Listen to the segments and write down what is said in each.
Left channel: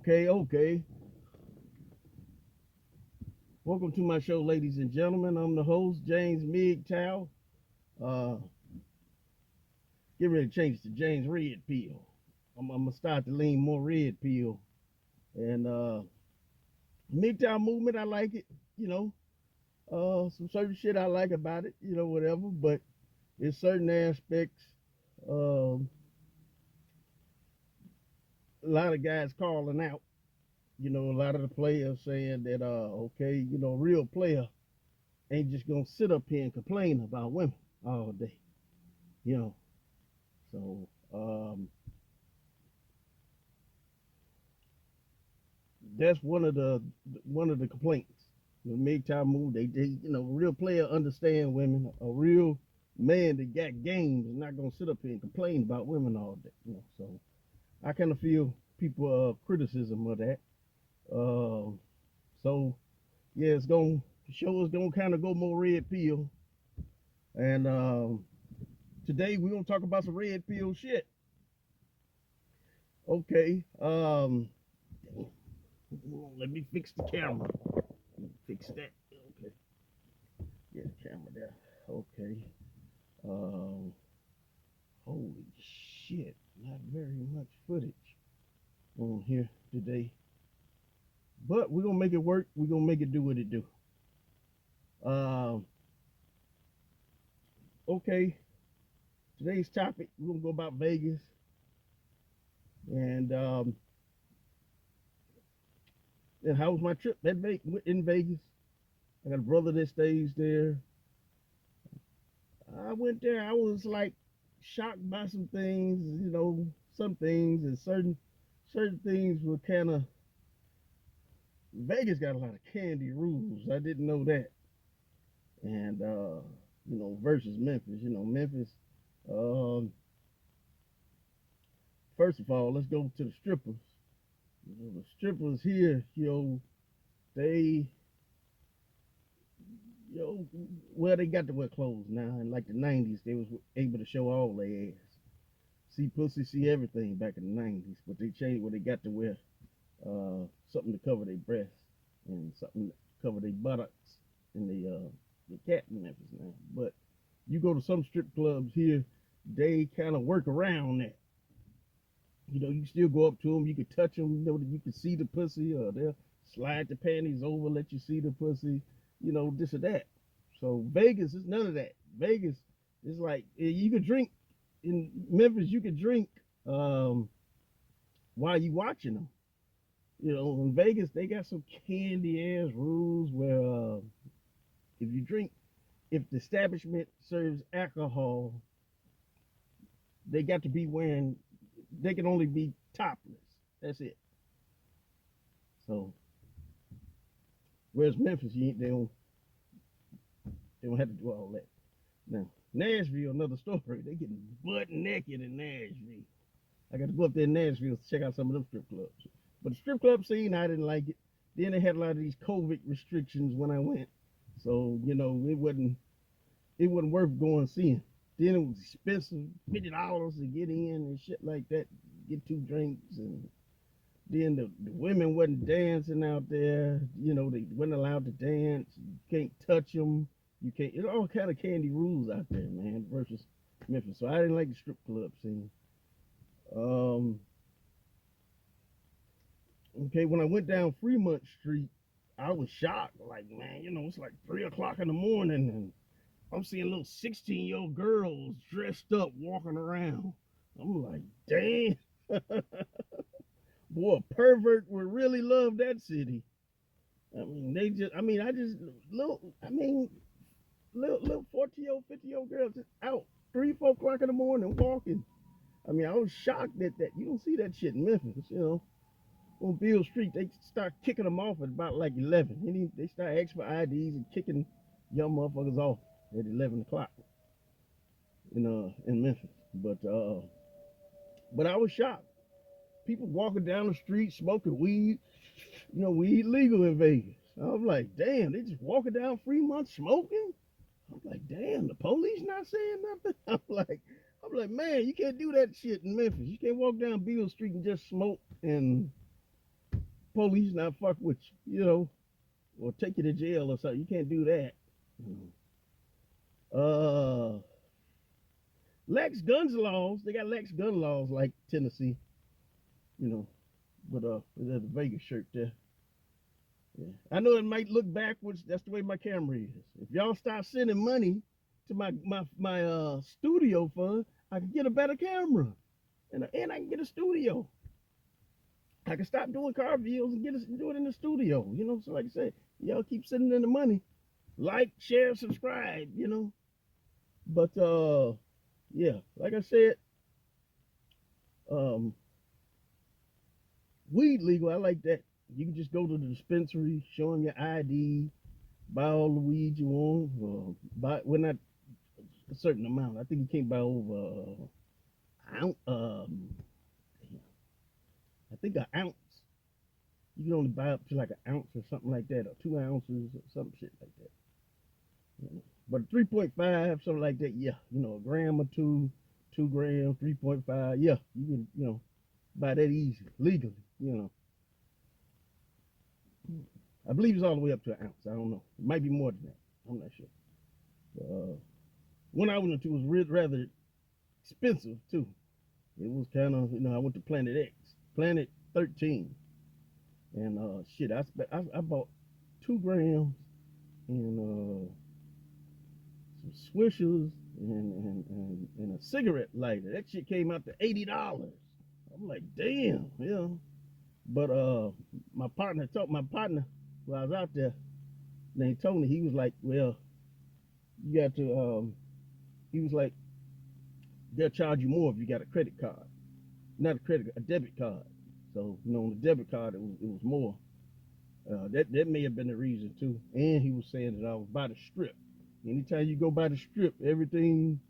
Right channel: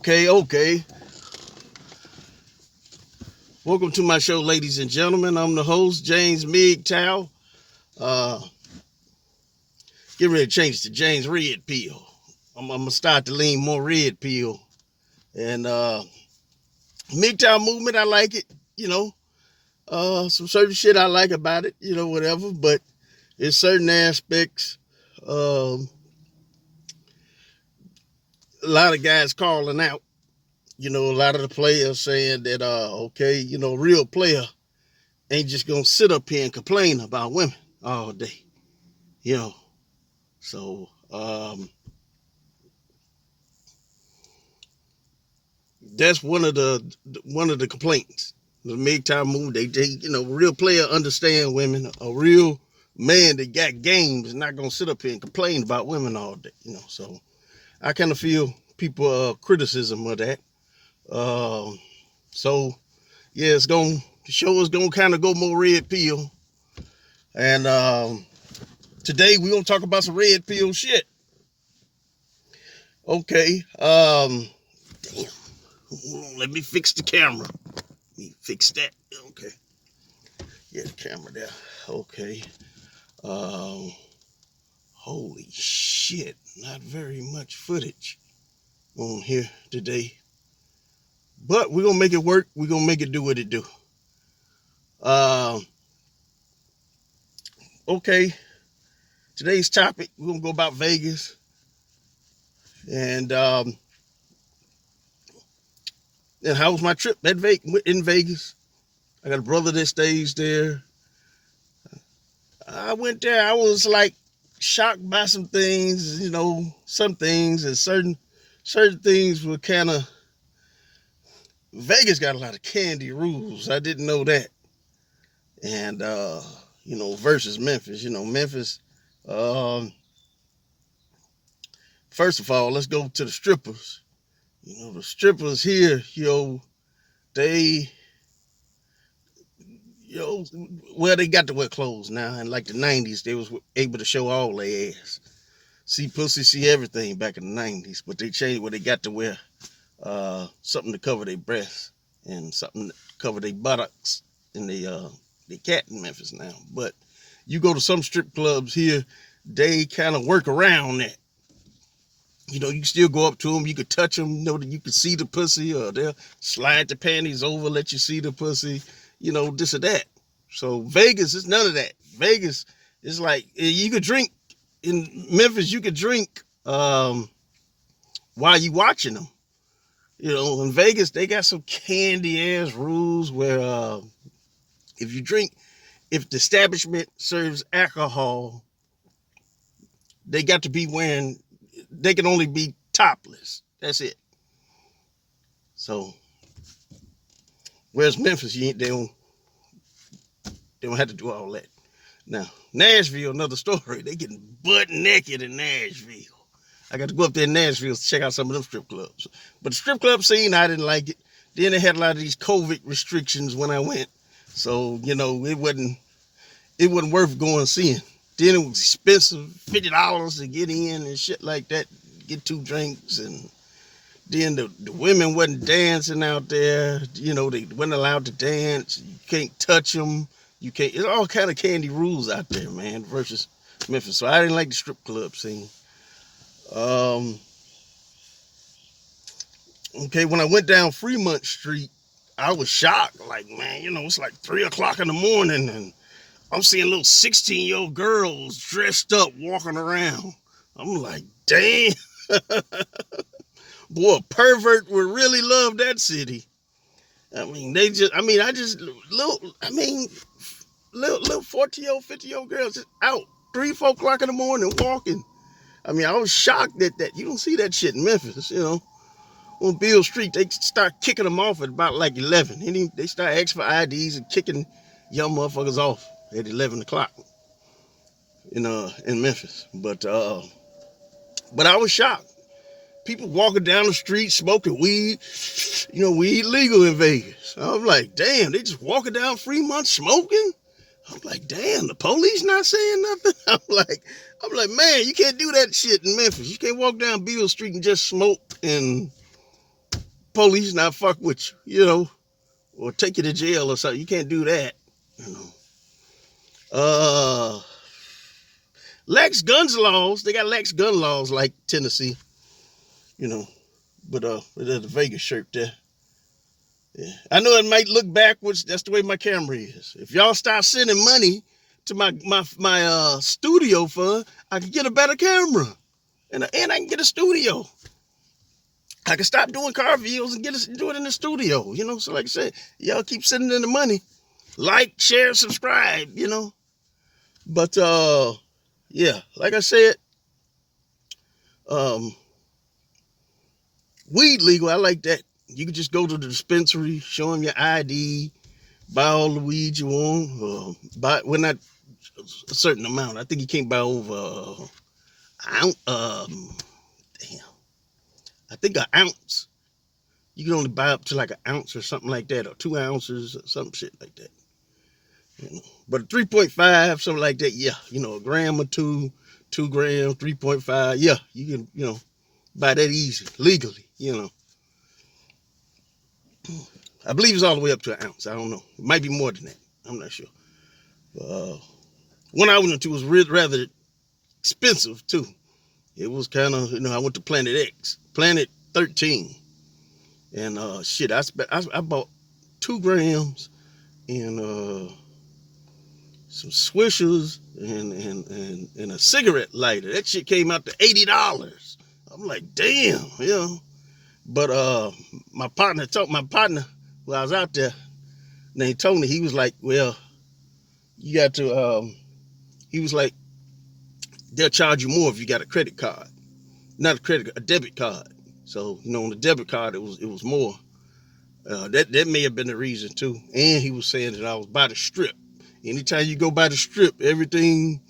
Okay. Welcome to my show, ladies and gentlemen. I'm the host, James MGTOW. Uh, get ready to change to James Red Pill. I'm gonna start to lean more red pill. And MGTOW movement, I like it. Some certain shit I like about it. Whatever. But there's certain aspects. Um, a lot of guys calling out. A lot of the players saying that, real player ain't just gonna sit up here and complain about women all day. You know, so that's one of the complaints. The MGTOW movement, they real player understand women. A real man that got games is not gonna sit up here and complain about women all day. So I kind of feel people criticism of that. So yeah, the show is gonna kind of go more red pill, and today we're gonna talk about some red pill shit. Okay. Damn. Let me fix the camera. Let me fix that. Okay. Yeah, the camera there. Okay. Holy shit. Not very much footage on here today. But we're gonna make it work. We're gonna make it do what it do. Okay. Today's topic, we're gonna go about Vegas. And how was my trip in Vegas? I got a brother that stays there. I went there. I was like shocked by some things, some things, and certain things were kind of. Vegas got a lot of candy rules. I didn't know that. And versus Memphis. Memphis. First of all, let's go to the strippers. The strippers here, they they got to wear clothes now. In like the 90s, they was able to show all their ass. See pussy, see everything back in the 90s. But they changed where they got to wear something to cover their breasts and something to cover their buttocks. And they cat in Memphis now. But you go to some strip clubs here, they kind of work around that. You can still go up to them. You could touch them. You could see the pussy, or they'll slide the panties over, let you see the pussy. This or that. So Vegas is none of that. Vegas is like you could drink in Memphis. You could drink while you watching them. In Vegas they got some candy ass rules where if the establishment serves alcohol, they got to be wearing. They can only be topless. That's it. So, whereas Memphis, they don't have to do all that. Now, Nashville, another story. They getting butt naked in Nashville. I got to go up there in Nashville to check out some of them strip clubs. But the strip club scene, I didn't like it. Then they had a lot of these COVID restrictions when I went. So, it wasn't worth going seeing. Then it was expensive, $50 to get in and shit like that, get 2 drinks. And then the women wasn't dancing out there. They wasn't allowed to dance. You can't touch them. You can't. It's all kind of candy rules out there, man, versus Memphis. So I didn't like the strip club scene. Okay, when I went down Fremont Street, I was shocked. Like, man, it's like 3 o'clock in the morning and I'm seeing little 16-year-old girls dressed up walking around. I'm like, damn. Boy, a pervert would really love that city. Little 40-year-old, 50-year-old girls just out 3, 4 o'clock in the morning walking. I was shocked that you don't see that shit in Memphis, On Beale Street, they start kicking them off at about like 11. They start asking for IDs and kicking young motherfuckers off at 11 o'clock in Memphis. But I was shocked. People walking down the street smoking weed. Weed legal in Vegas. I'm like, damn, they just walking down Fremont smoking? I'm like, damn, the police not saying nothing? I'm like, man, you can't do that shit in Memphis. You can't walk down Beale Street and just smoke and police not fuck with you, you know, or take you to jail or something. You can't do that, you know. Lax guns laws. They got lax gun laws like Tennessee, you know. But there's a Vegas shirt there. Yeah. I know it might look backwards. That's the way my camera is. If y'all start sending money to my studio fund, I can get a better camera. And I can get a studio. I can stop doing car videos and do it in the studio, you know. So like I said, y'all keep sending in the money. Like, share, subscribe, you know. But yeah, like I said, weed legal, I like that. You can just go to the dispensary, show them your ID, buy all the weed you want. Not a certain amount. I think you can't buy over I think an ounce. You can only buy up to like an ounce or something like that, or 2 ounces or some shit like that. You know? But 3.5, something like that, yeah. You know, a gram or 2 grams, 3.5, yeah. You can, you know, buy that easy, legally, you know. I believe it's all the way up to an ounce. I don't know. It might be more than that. I'm not sure. One I went into was rather expensive, too. It was kind of, you know, I went to Planet X, Planet 13. And shit, I bought 2 grams and some Swishers and a cigarette lighter. That shit came out to $80. I'm like, damn, you know. But my partner, when I was out there, named Tony, he was like, well, you got to, he was like, they'll charge you more if you got a credit card. Not a debit card. So, you know, on the debit card, it was more. That may have been the reason too. And he was saying that I was by the strip. Anytime you go by the strip, everything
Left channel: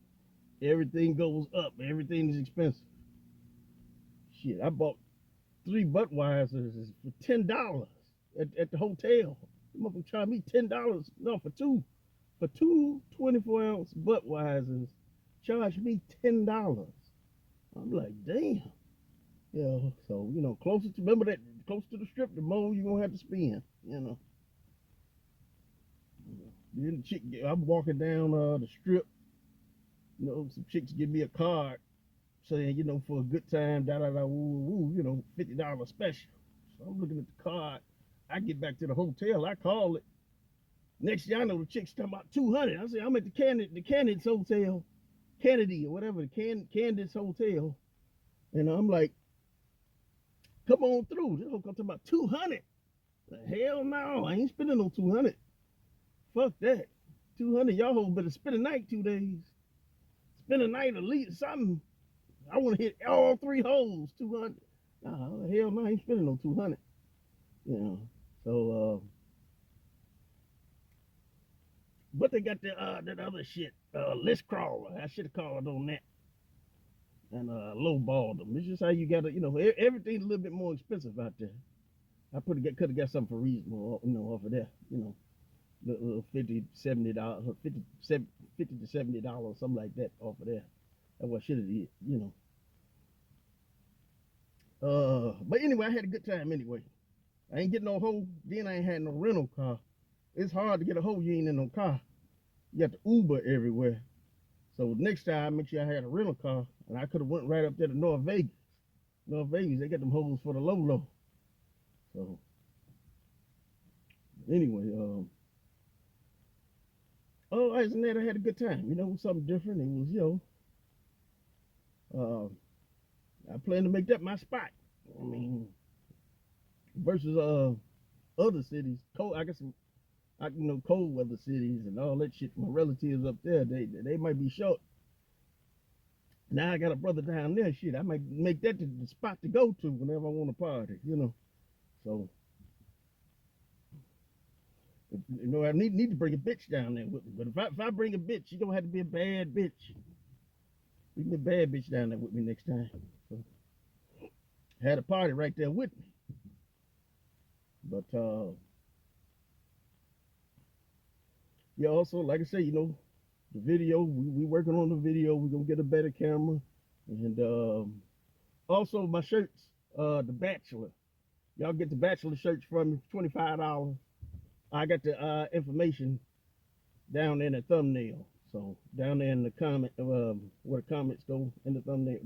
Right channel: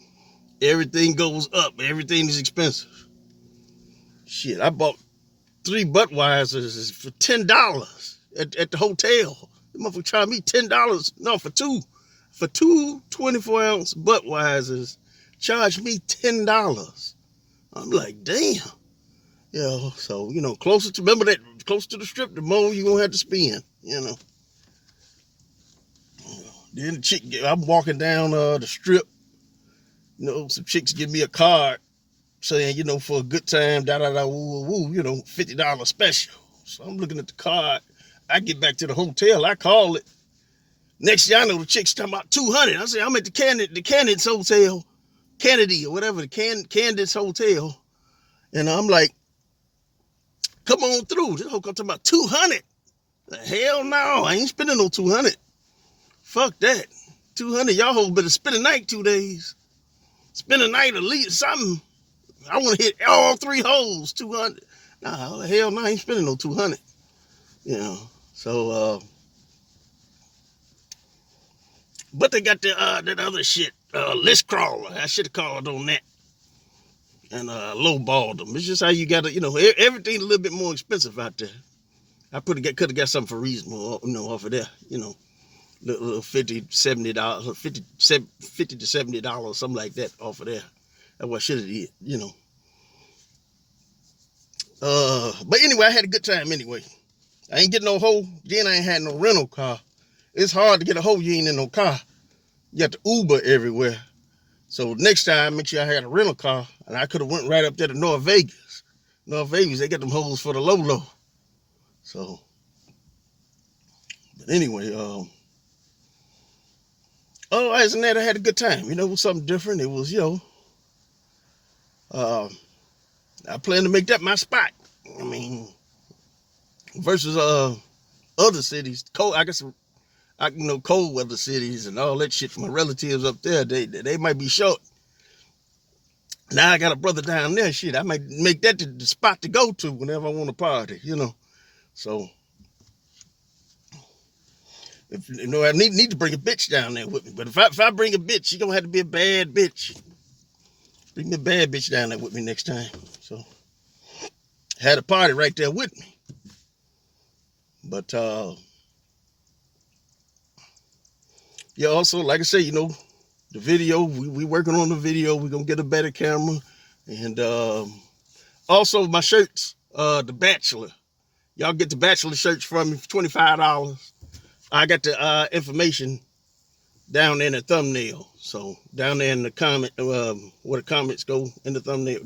goes up. Everything is expensive. Shit, I bought 3 Budweisers for $10 at the hotel. The motherfucker charged me $10. No, for two 24-ounce Budweisers, charged me $10. I'm like, damn. Yeah, so, you know, closer to the strip, the more you're gonna have to spend, you know. Then the chick, I'm walking down the strip, you know, some chicks give me a card saying, you know, for a good time, woo, woo, you know, $50 special. So I'm looking at the card. I get back to the hotel, I call it. Next thing I know, the chick's talking about $200. I say, I'm at the Candidates Hotel, Kennedy or whatever, the Candidates Hotel. And I'm like, come on through. This whole come talking about $200. Hell no, I ain't spending no $200. Fuck that. $200, y'all whole better spend a night 2 days. Spend a night at least something. I want to hit all 3 holes, $200. Nah, hell no, I ain't spending no $200. You know, so, but they got that other shit, list crawler. I should have called on that. And lowballed them. It's just how you got to, you know, everything's a little bit more expensive out there. I could have got something for reasonable, you know, off of there, you know, little $50 to $70, something like that off of there. That's what I should have did, you know. But anyway, I had a good time anyway. I ain't getting no hoe. Then I ain't had no rental car. It's hard to get a hoe. You ain't in no car. You got to Uber everywhere. So next time, make sure I had a rental car, and I could have went right up there to North Vegas. North Vegas, they got them hoes for the low. So, but anyway, otherwise than that, I had a good time. You know, it was something different. It was, you know, I plan to make that my spot. I mean, versus other cities, cold. I guess you know, cold weather cities and all that shit. My relatives up there, they might be short. Now I got a brother down there. Shit, I might make that the spot to go to whenever I want to party. You know, so if you know, I need to bring a bitch down there with me. But if I bring a bitch, she gonna have to be a bad bitch. Bring me a bad bitch down there with me next time. So had a party right there with me. But yeah, also, like I say, you know, the video, we working on the video. We're going to get a better camera. And also my shirts, The Bachelor. Y'all get the bachelor shirts from me for $25. I got the information down there in the thumbnail. So down there in the comment, where the comments go in the thumbnail,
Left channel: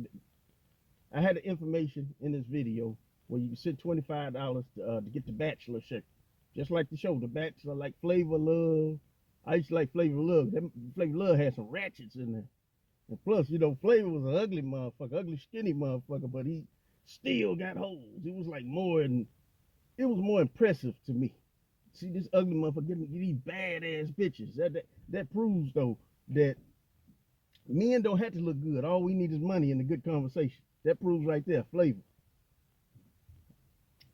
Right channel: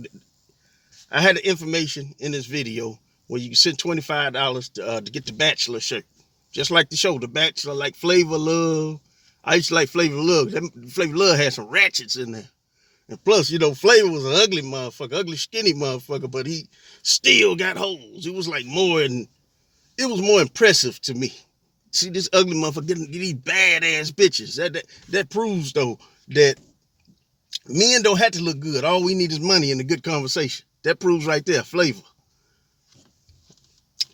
I had the information in this video where you can send $25 to get the bachelor shirt. Just like the show, The Bachelor, like Flavor Love. I used to like Flavor Love. Flavor Love had some ratchets in there. And plus, you know, Flavor was an ugly motherfucker, ugly, skinny motherfucker, but he still got holes. It was like it was more impressive to me. See this ugly motherfucker getting these badass bitches. That proves, though, that men don't have to look good. All we need is money and a good conversation. That proves right there, Flavor.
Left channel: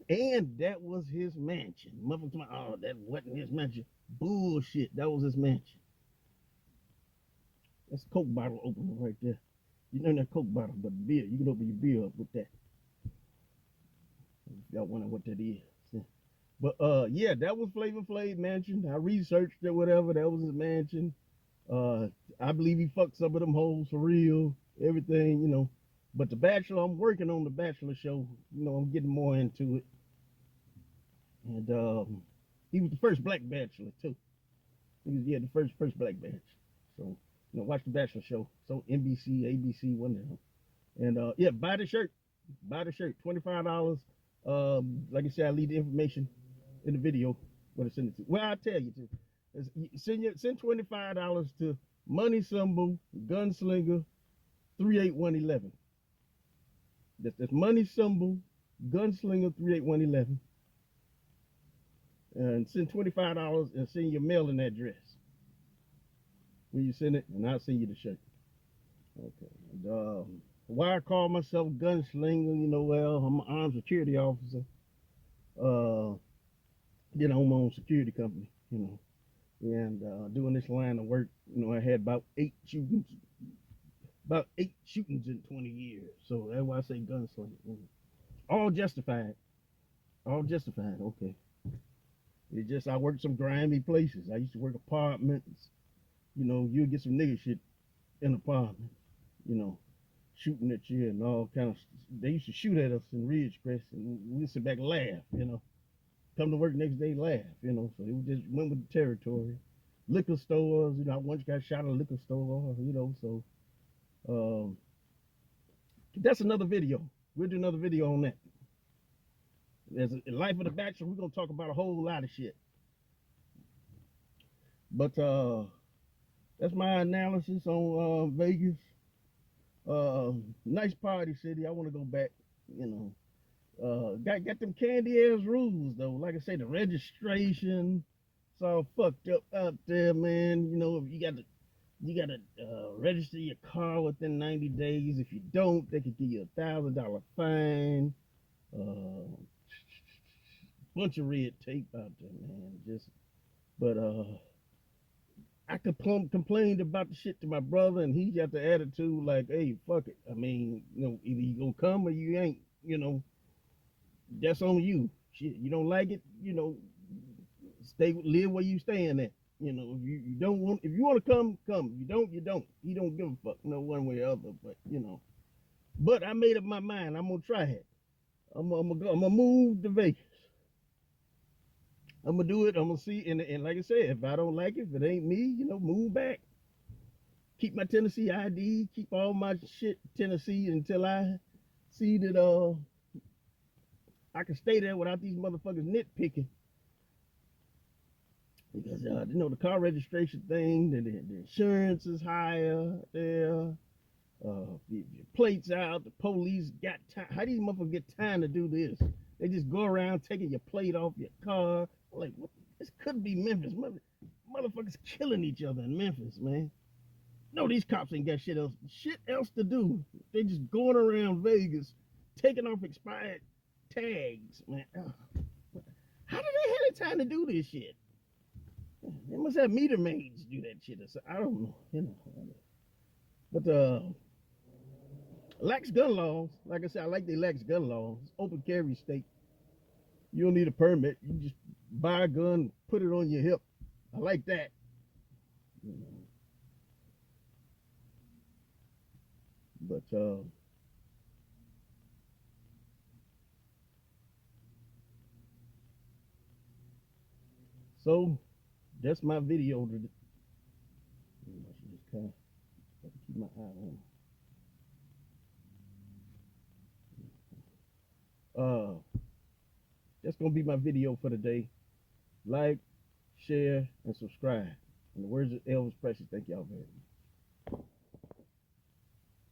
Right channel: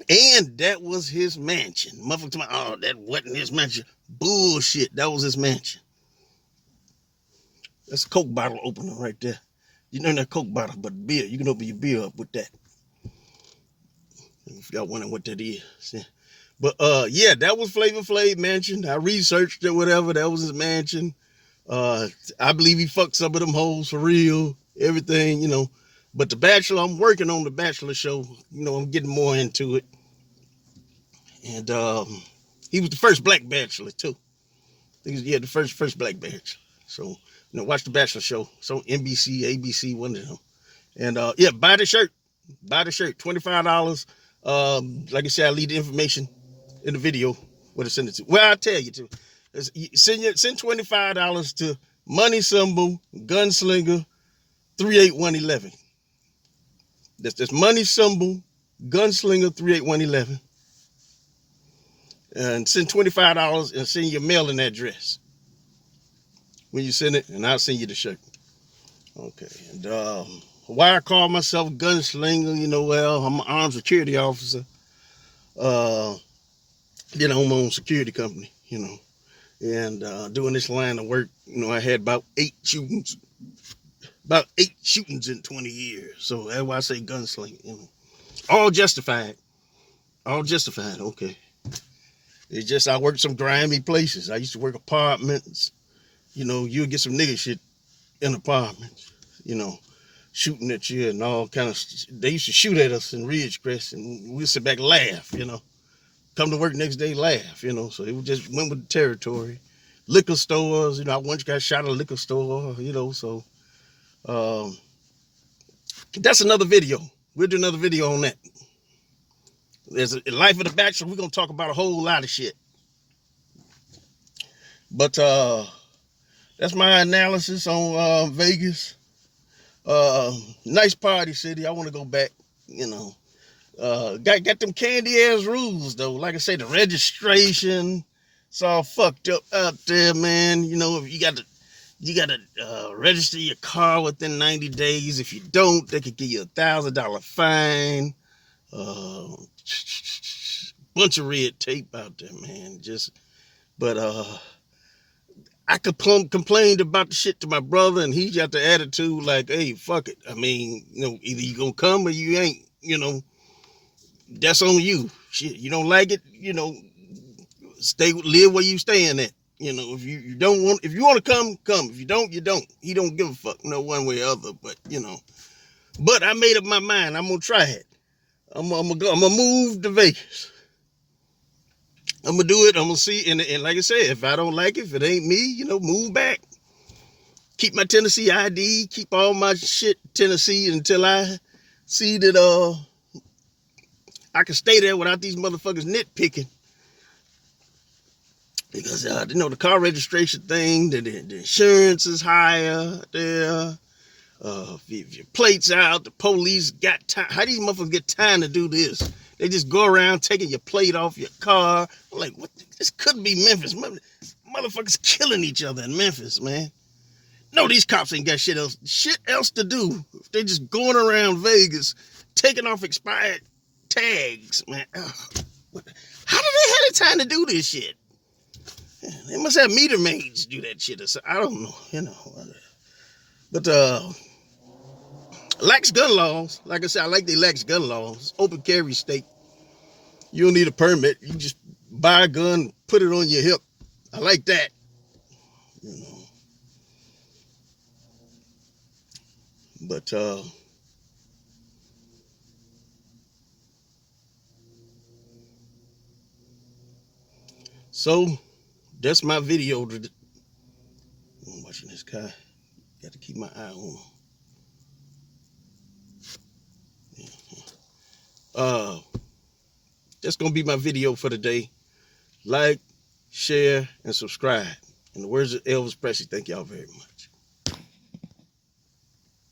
And that was his mansion. Motherfucker talking about, oh, that wasn't his mansion. Bullshit, that was his mansion. That's a Coke bottle opener right there. You know that Coke bottle, but beer, you can open your beer up with that. If y'all wondering what that is. But yeah, that was Flavor Flav mansion. I researched it, whatever. That was his mansion. I believe he fucked some of them hoes for real. Everything, you know. But The Bachelor, I'm working on The Bachelor show. You know, I'm getting more into it. And he was the first black bachelor too. He was, yeah, the first black bachelor. So, you know, watch The Bachelor show. So NBC, ABC, one of them. And yeah, buy the shirt. Buy the shirt. $25. Like I said, I'll leave the information in the video where to send it to. Well, I'll tell you to. Send $25 to Money Symbol Gunslinger 38111. That's Money Symbol Gunslinger 38111. And send $25 and send your mailing address when you send it, and I'll send you the shirt. Okay. And why I call myself Gunslinger, you know, well, I'm an armed security officer. You know, I'm my own security company, you know. And doing this line of work, you know, I had about eight shootings in 20 years. So that's why I say gunslinger, you know. All justified. Okay. It's just I worked some grimy places. I used to work apartments. You know, you'll get some nigga shit in apartments, you know, shooting at you and all kind of. They used to shoot at us in Ridgecrest, and we'd sit back and laugh, you know. Come to work next day, laugh, you know. So it just went with the territory. Liquor stores, you know, I once got shot at a liquor store, you know. So that's another video. We'll do another video on that. There's a Life of the Bachelor. We're gonna talk about a whole lot of shit. But that's my analysis on Vegas. Nice party city. I want to go back, you know. Got them candy ass rules though. Like I say, the registration, it's all fucked up out there, man. You know, if you gotta register your car within 90 days. If you don't, they could give you $1,000 fine. Bunch of red tape out there, man. But I complained about the shit to my brother, and he got the attitude like, hey, fuck it. I mean, you know, either you gonna come or you ain't, you know. That's on you. Shit, you don't like it, you know, live where you staying at. You know, if you want to come. If you don't, you don't. He don't give a fuck, no one way or other, but, you know. But I made up my mind. I'm going to try it. I'm going to move to Vegas. I'm going to do it. I'm going to see. And like I said, if I don't like it, if it ain't me, you know, move back. Keep my Tennessee ID. Keep all my shit Tennessee until I see that I can stay there without these motherfuckers nitpicking. Because, you know, the car registration thing, the insurance is higher there. If your plate's out, the police got time. How do these motherfuckers get time to do this? They just go around taking your plate off your car. I'm like, what? This couldn't be Memphis. Motherfuckers killing each other in Memphis, man. No, these cops ain't got shit else to do. They just going around Vegas, taking off expired tags, man. How did they have the time to do this shit? They must have meter maids do that shit. I don't know, you know. But lax gun laws. Like I said, I like the lax gun laws. Open carry state. You don't need a permit. You just buy a gun, put it on your hip. I like that. You know. But So that's my video. I'm watching this guy. Got to keep my eye on him. That's gonna be my video for today. Like, share, and subscribe. In the words of Elvis Presley, thank y'all very much.